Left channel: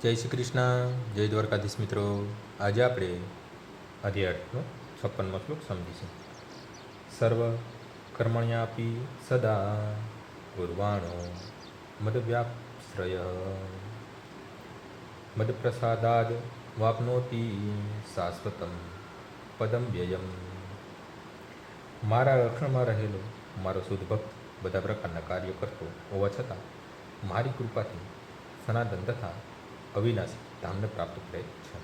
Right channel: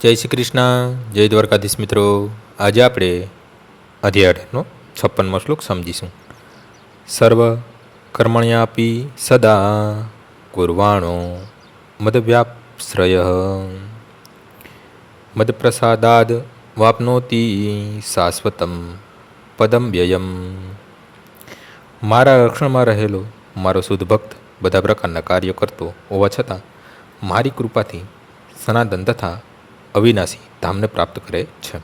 જય શ્રી કૃષ્ણ, જય દ્વારકાધીશ મિત્રો. આજે આપણે અધ્યાયનો 56મો શ્લોક સમજીશું. સર્વ કર્મણ્યાપી સદા કુર્વાણો મદવ્યાશ્રય મદપ્રસાદાદ વાપનોતિ શાશ્વતમ પદમ વ્યયમ. મારા રક્ષણમાં રહેલો મારો શુદ્ધ ભક્ત બધા પ્રકારના કાર્યો કરતો હોવા છતાં મારી કૃપાથી સનાતન તથા અવિનાશી ધામને પ્રાપ્ત કરે છે.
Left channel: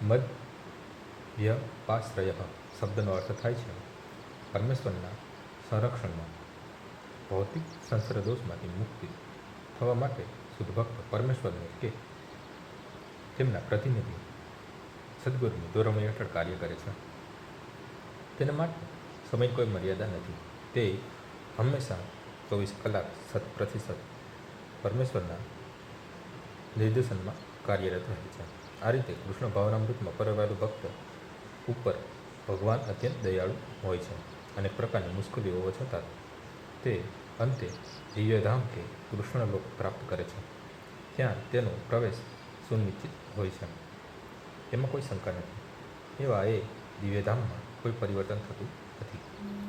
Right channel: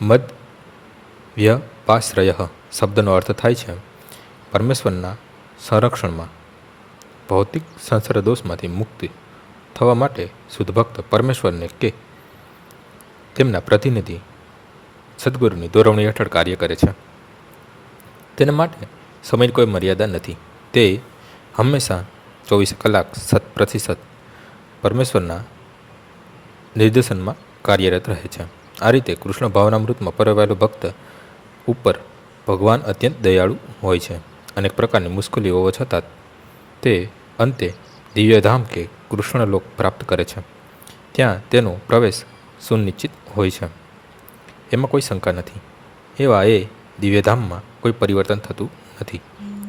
મદ વ્યપાશ્રય શબ્દનો અર્થ થાય છે પરમેશ્વરના સંરક્ષણમાં ભૌતિક સંસાર દોષમાંથી મુક્તિ થવા માટે શુદ્ધ ભક્ત પરમેશ્વરને કે તેમના પ્રતિનિધિ સદગુરુની દોરવણી હેઠળ કાર્ય કરે છે. તેના માટે સમયની કોઈ મર્યાદા નથી. તે હંમેશા 24 કલાક 100% પરમેશ્વરના નિર્દેશનમાં કાર્યરત રહે છે. આ રીતે કૃષ્ણ ભાવનામૃતમાં પરવાયેલો ભક્ત ઉપર ભગવાન અત્યંત દયાળુ હોય છે. અનેક પ્રકારની મુશ્કેલીઓ હોવા છતાં તે અંતે દિવ્યધામ કે કૃષ્ણલોક પ્રાપ્ત કરે છે. ત્યાં તેનો પ્રવેશ સુનિશ્ચિત હોય છે, એમાં કોઈ શંકા નથી. એવા એ દિવ્યધામમાં કોઈ પરિવર્તન થતું નથી.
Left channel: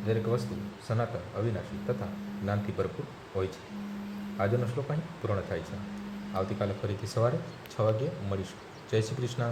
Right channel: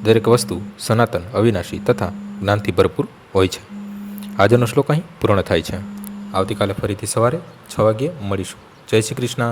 દરેક વસ્તુ સનાતન, અવિનાશી તથા જ્ઞાનથી ભરપૂર હોય છે. આજનો શ્લોક અહીં પૂર્ણ થાય છે. આવતીકાલે ફરીથી સવારે 6 વાગ્યે મળીશું. જય શ્રી કૃષ્ણ.